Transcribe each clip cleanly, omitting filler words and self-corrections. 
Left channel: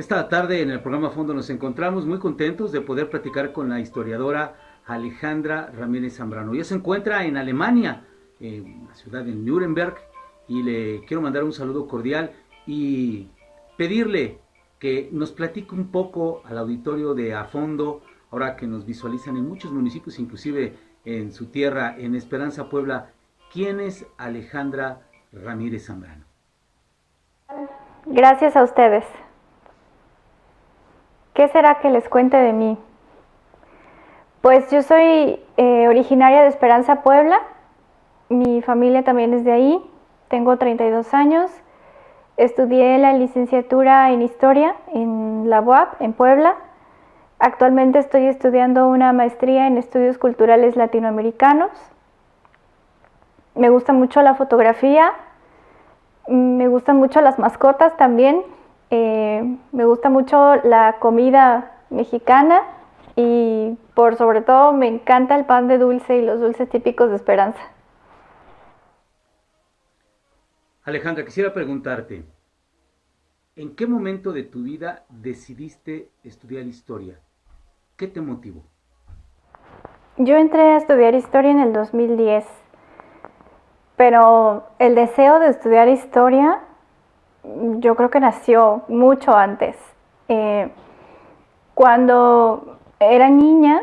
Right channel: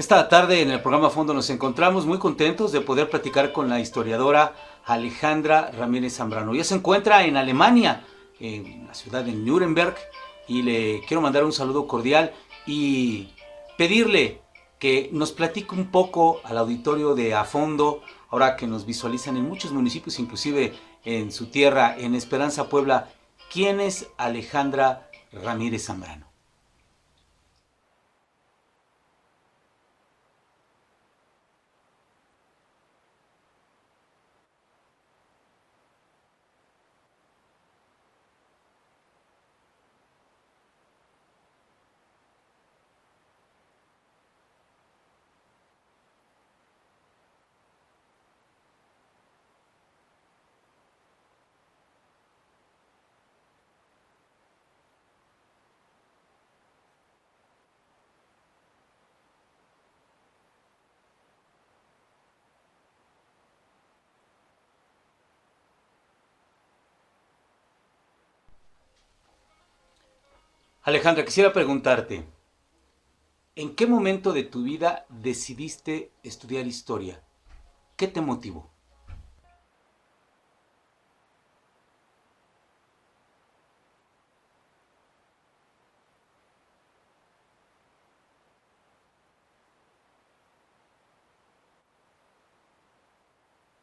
Esta tarde en el programa Fondo nos encontramos muy contentos de poder platicar con la historiadora Alejandra Ramírez Zambrano. Ella se encuentra en Alemania, en la ciudad de Nuremberg, y le quiero mandar un saludo cordial y pedirle que nos platique un poco al auditorio de A Fondo, ahora que nos visualizan en muchos municipios, inclusive en su tierra, en Esperanza, Puebla. ¿Quién es Alejandra Ramírez Zambrano? Gracias a ustedes. ¿Qué será que les cuente de mí? Pues yo soy originaria de Esperanza, Puebla. Mi familia también es de ahí. Tengo 32 años. Estudié la licenciatura en Historia en la UAP, en Puebla. Actualmente estoy estudiando una maestría en Estudios Culturales Latinoamericanos. Me gusta mucho la fotografía. Me gustan mucho las mascotas también. Me gusta mucho la comida mexicana y por sobre todo me encanta el pan de dulce y los dulces típicos de Esperanza. Alejandra, quisiera preguntarte, ¿en qué momento de tu vida decidiste estudiar historia? ¿Qué te motivó? Yo entré a estudiar historia en el 2010, pero el deseo de estudiar historia yo creo que nació mucho antes. Cuando era niña,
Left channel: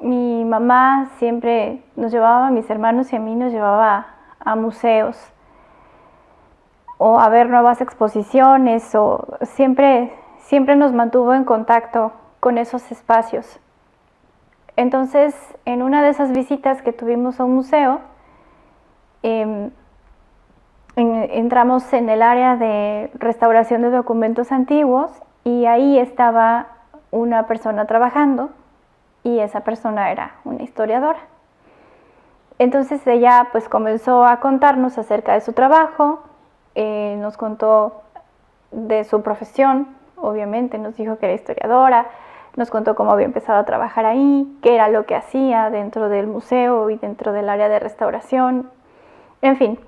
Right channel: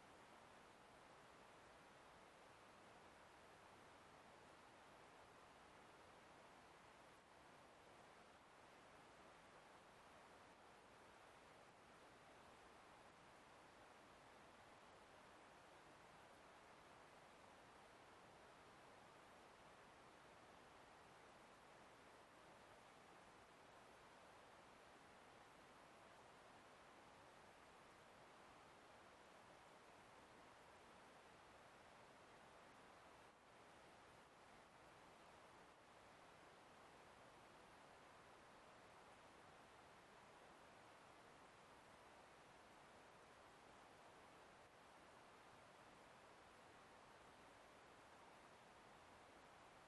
mi mamá siempre nos llevaba, a mis hermanos y a mí nos llevaba a museos o a ver nuevas exposiciones, o siempre nos mantuvo en contacto con esos espacios. Entonces, en una de esas visitas que tuvimos a un museo, entramos en el área de restauración de documentos antiguos y ahí estaba una persona trabajando y esa persona era una historiadora. Entonces ella pues comenzó a contarnos acerca de su trabajo, nos contó de su profesión, obviamente nos dijo que era historiadora, nos contó cómo había empezado a trabajar ahí, qué era lo que hacía dentro del museo y dentro del área de restauración, en fin.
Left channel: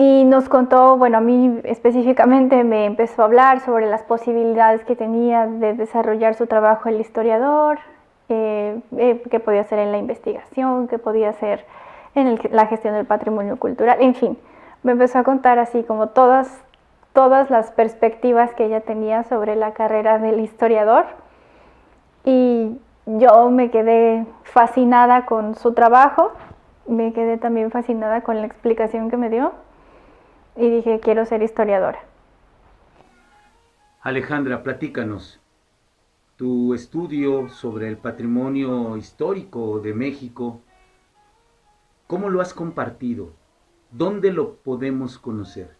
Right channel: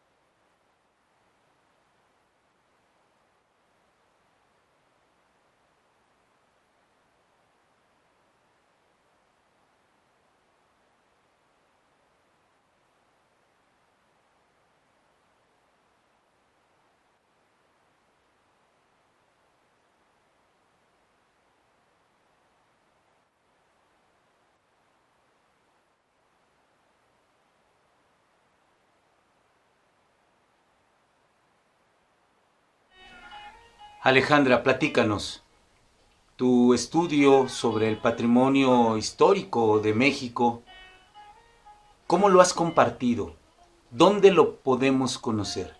Y nos contó, bueno, a mí específicamente me empezó a hablar sobre las posibilidades que tenía de desarrollar su trabajo el historiador, qué podía hacer en la investigación, qué podía hacer en la gestión del patrimonio cultural, en fin. Me empezó a contar así como todas las perspectivas que ella tenía sobre la carrera del historiador. Y yo me quedé fascinada con su trabajo, me quedé también fascinada con la explicación que me dio. Y dije, quiero ser historiadora. Alejandra, platícanos. Tu estudio sobre el patrimonio histórico de México, ¿cómo lo has compartido? ¿Dónde lo podemos conocer?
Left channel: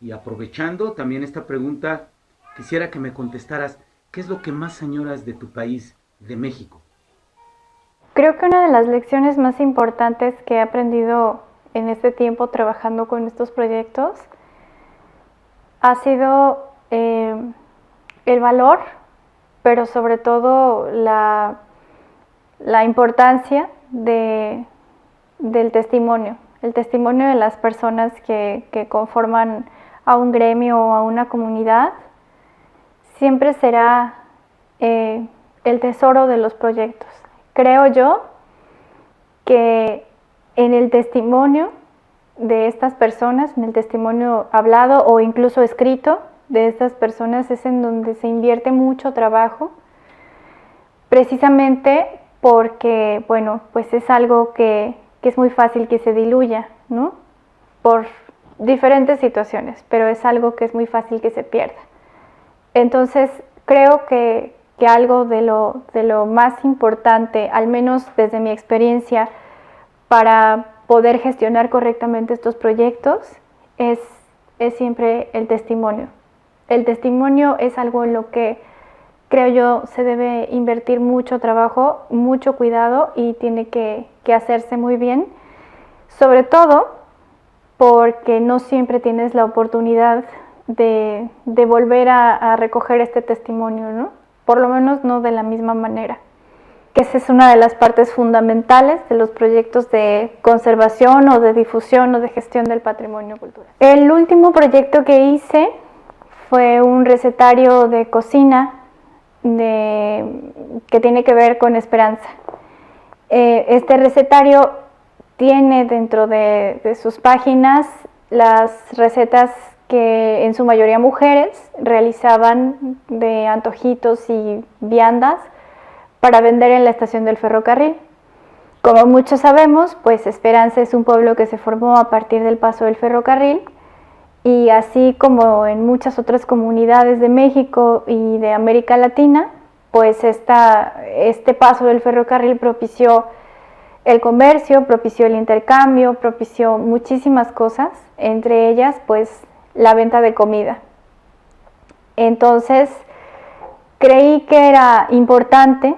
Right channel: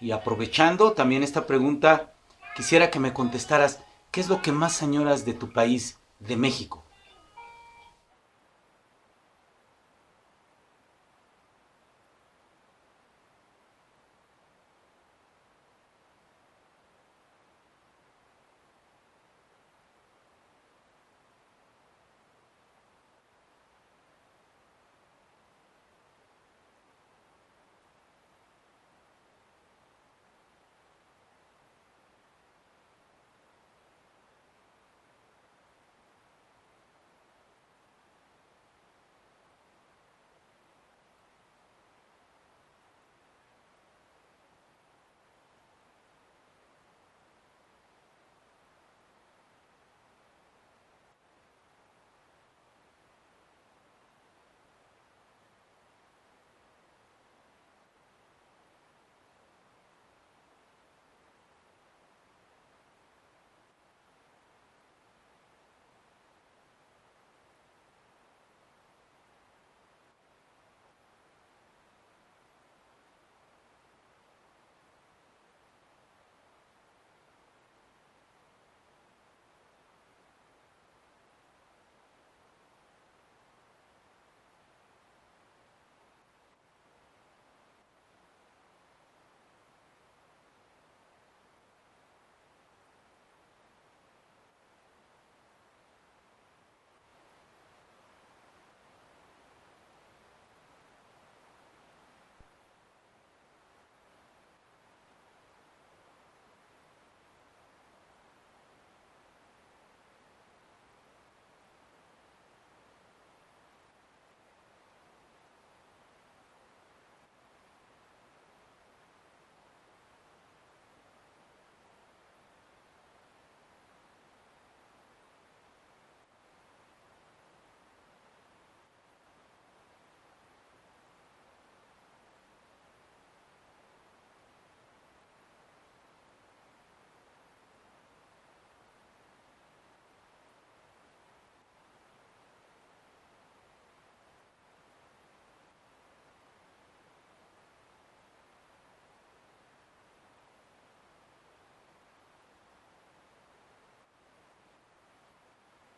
Y aprovechando también esta pregunta, quisiera que me contestaras, ¿qué es lo que más añoras de tu país, de México? Creo que una de las lecciones más importantes que he aprendido en este tiempo trabajando con estos proyectos ha sido el valor, pero sobre todo la importancia del testimonio, el testimonio de las personas que conforman a un gremio o a una comunidad, siempre será el tesoro de los proyectos. Creo yo que en el testimonio de estas personas, en el testimonio hablado o incluso escrito de estas personas es en donde se invierte mucho trabajo, precisamente porque, bueno, pues es algo que es muy fácil que se diluya, ¿no? Por diferentes situaciones, pero es algo que es muy fácil que se pierda. Entonces, creo que algo de lo más importante, al menos desde mi experiencia, para poder gestionar correctamente estos proyectos, es siempre el testimonio. El testimonio es algo en lo que creo yo se debe invertir mucho trabajo, mucho cuidado y tiene que hacerse muy bien, sobre todo porque no siempre tienes la oportunidad de volver a recoger este testimonio, ¿no? Por lo menos no de la misma manera. Que esa es una de las partes fundamentales de los proyectos de conservación o de difusión o de gestión del patrimonio cultural. El último proyecto que hice fue un recetario de cocina que tiene que ver con esperanza. Este recetario tiene dentro de sus páginas las recetas que en su mayoría mujeres realizaban de antojitos y viandas para vender en la estación del ferrocarril. Como muchos sabemos, pues Esperanza es un pueblo que se formó a partir del paso del ferrocarril, y así como en muchas otras comunidades de México y de América Latina, pues este paso del ferrocarril propició el comercio, propició el intercambio, propició muchísimas cosas, entre ellas pues la venta de comida. Entonces creí que era importante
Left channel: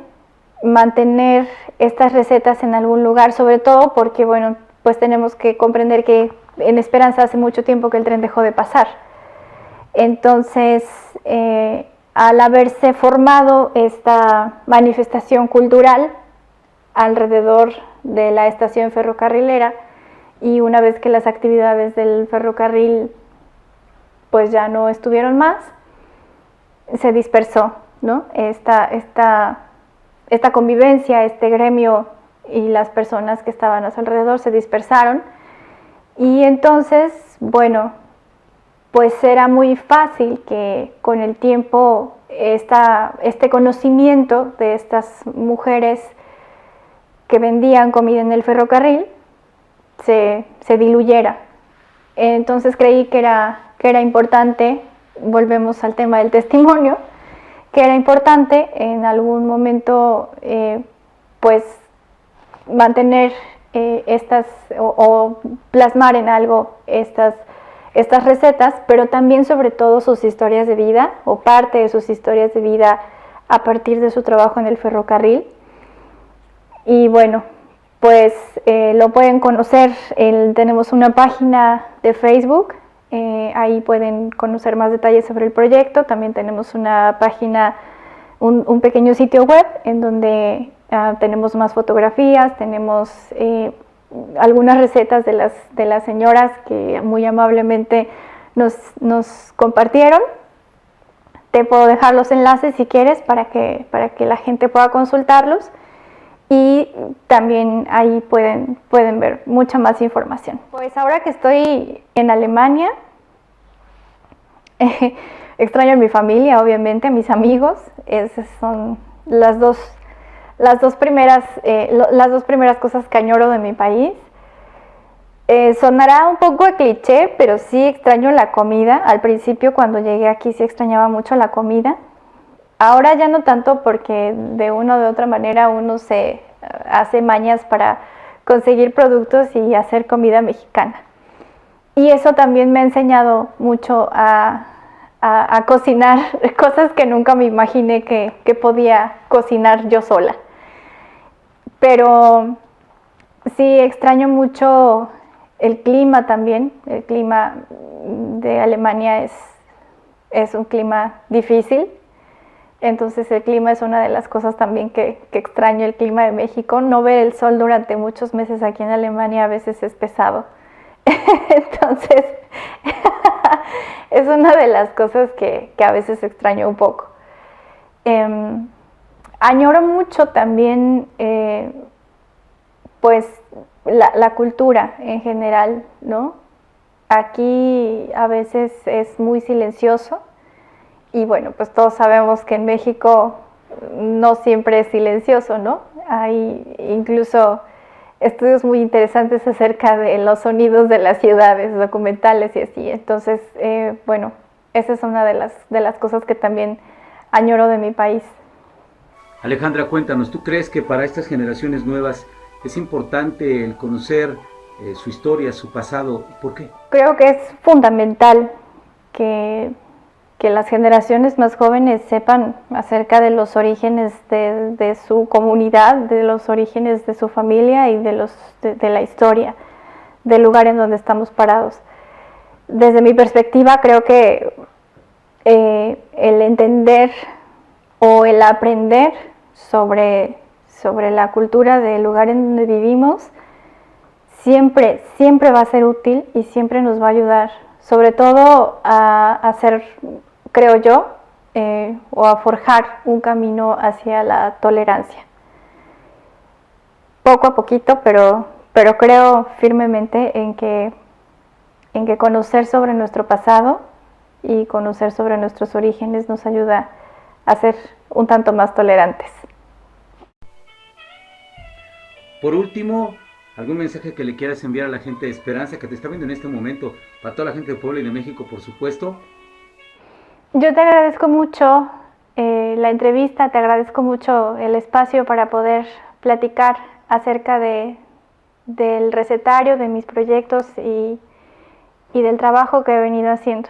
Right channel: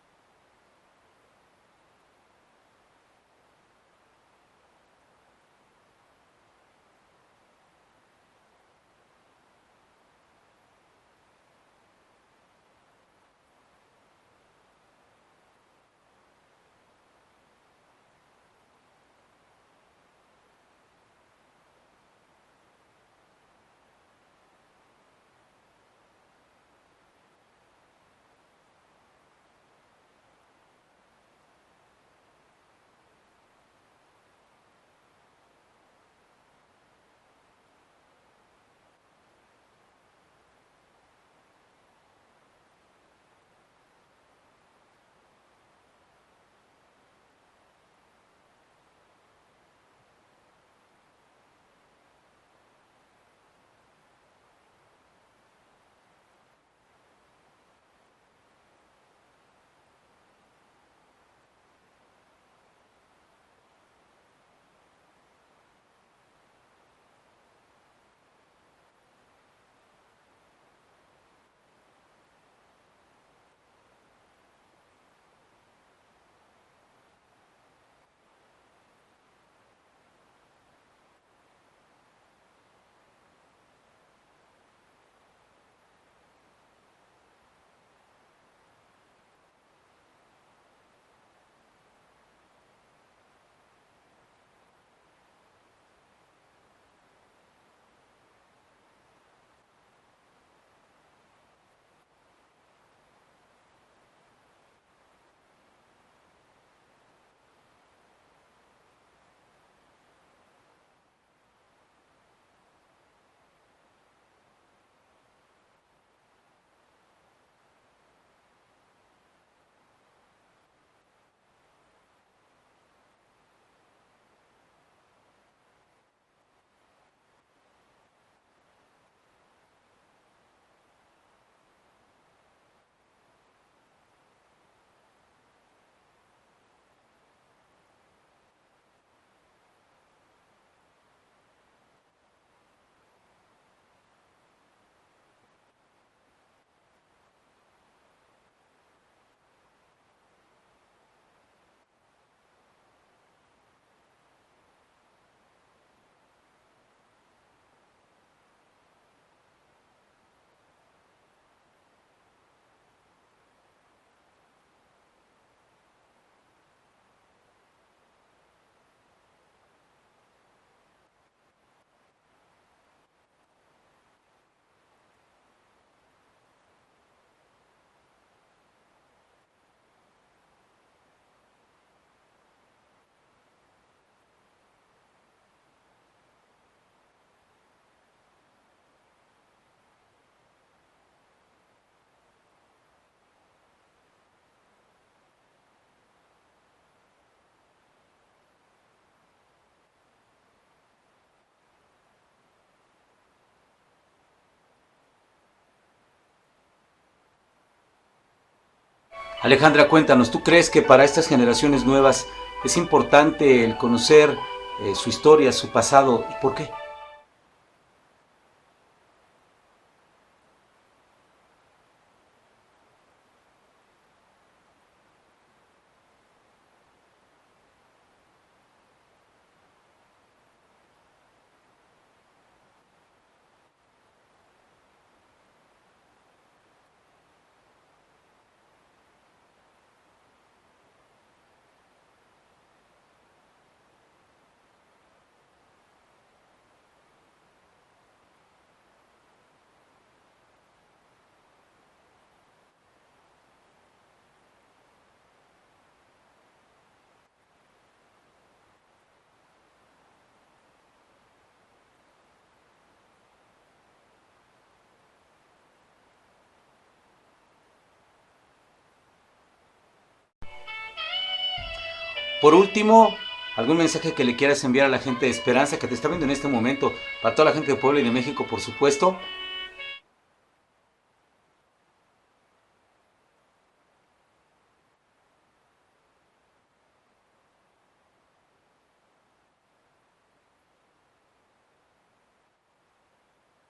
mantener estas recetas en algún lugar, sobre todo porque, bueno, pues tenemos que comprender que en Esperanza hace mucho tiempo que el tren dejó de pasar. Entonces, al haberse formado esta manifestación cultural alrededor de la estación ferrocarrilera, y una vez que las actividades del ferrocarril pues ya no estuvieron más, se dispersó, ¿no? Esta convivencia, este gremio y las personas que estaban a su alrededor se dispersaron, y entonces, bueno, pues era muy fácil que con el tiempo este conocimiento de estas mujeres que vendían comida en el ferrocarril se diluyera. Entonces creí que era importante, volvemos al tema del testimonio, que era importante en algún momento pues mantener o plasmar en algo estas recetas, pero también sobre todo sus historias de vida, o parte de sus historias de vida a partir de su trabajo en el ferrocarril. Y bueno, pues lo pueden conocer, tenemos una página de Facebook, ahí pueden conocer más detalles sobre el proyecto. También tenemos una página, un pequeño sitio web en donde tenemos más fotografías, tenemos algunas recetas de las señoras que muy amablemente nos compartieron. Te puedo dejar los enlaces si quieres para que la gente pueda consultarlos, y también ahí pueden ver mucha más información. Pues ahora que estoy en Alemania, extraño a mi familia, obviamente, a mis amigos. Esas son las dos primeras cosas que añoro de mi país. Sonará un poco a cliché, pero sí extraño la comida. Al principio, cuando llegué aquí, sí extrañaba mucho la comida. Ahora ya no tanto, porque de una o de otra manera uno se hace mañas para conseguir productos y hacer comida mexicana. Y eso también me ha enseñado mucho a cocinar cosas que nunca me imaginé que podía cocinar yo sola. Pero sí extraño mucho el clima también. El clima de Alemania es un clima difícil. Entonces el clima es una de las cosas también que extraño, el clima de México. No ver el sol durante muchos meses aquí en Alemania a veces es pesado. Entonces es una de las cosas que a veces extraño un poco. Añoro mucho también pues la cultura en general, ¿no? Aquí a veces es muy silencioso, y bueno, pues todos sabemos que en México no siempre es silencioso, ¿no? Hay incluso estudios muy interesantes acerca de los sonidos de las ciudades, documentales y así. Entonces, bueno, esa es una de las cosas que también añoro de mi país. Alejandra, cuéntanos, ¿tú crees que para estas generaciones nuevas es importante el conocer su historia, su pasado? ¿Y por qué? Creo que es fundamental que las generaciones más jóvenes sepan acerca de los orígenes de su comunidad, de los orígenes de su familia y de la historia del lugar en donde estamos parados. Desde mi perspectiva, creo que el entender o el aprender sobre la cultura del lugar en donde vivimos siempre va a ser útil y siempre nos va a ayudar, sobre todo a ser creo yo, o a forjar un camino hacia la tolerancia. Poco a poquito, pero creo firmemente en que conocer sobre nuestro pasado y conocer sobre nuestros orígenes nos ayuda a ser un tanto más tolerantes. Por último, ¿algún mensaje que le quieras enviar a la gente de Esperanza que te está viendo en este momento? Para toda la gente de Puebla y de México, por supuesto. Yo te agradezco mucho la entrevista, te agradezco mucho el espacio para poder platicar acerca del recetario, de mis proyectos y del trabajo que he venido haciendo.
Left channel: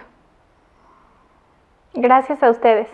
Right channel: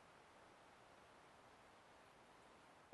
Gracias a ustedes.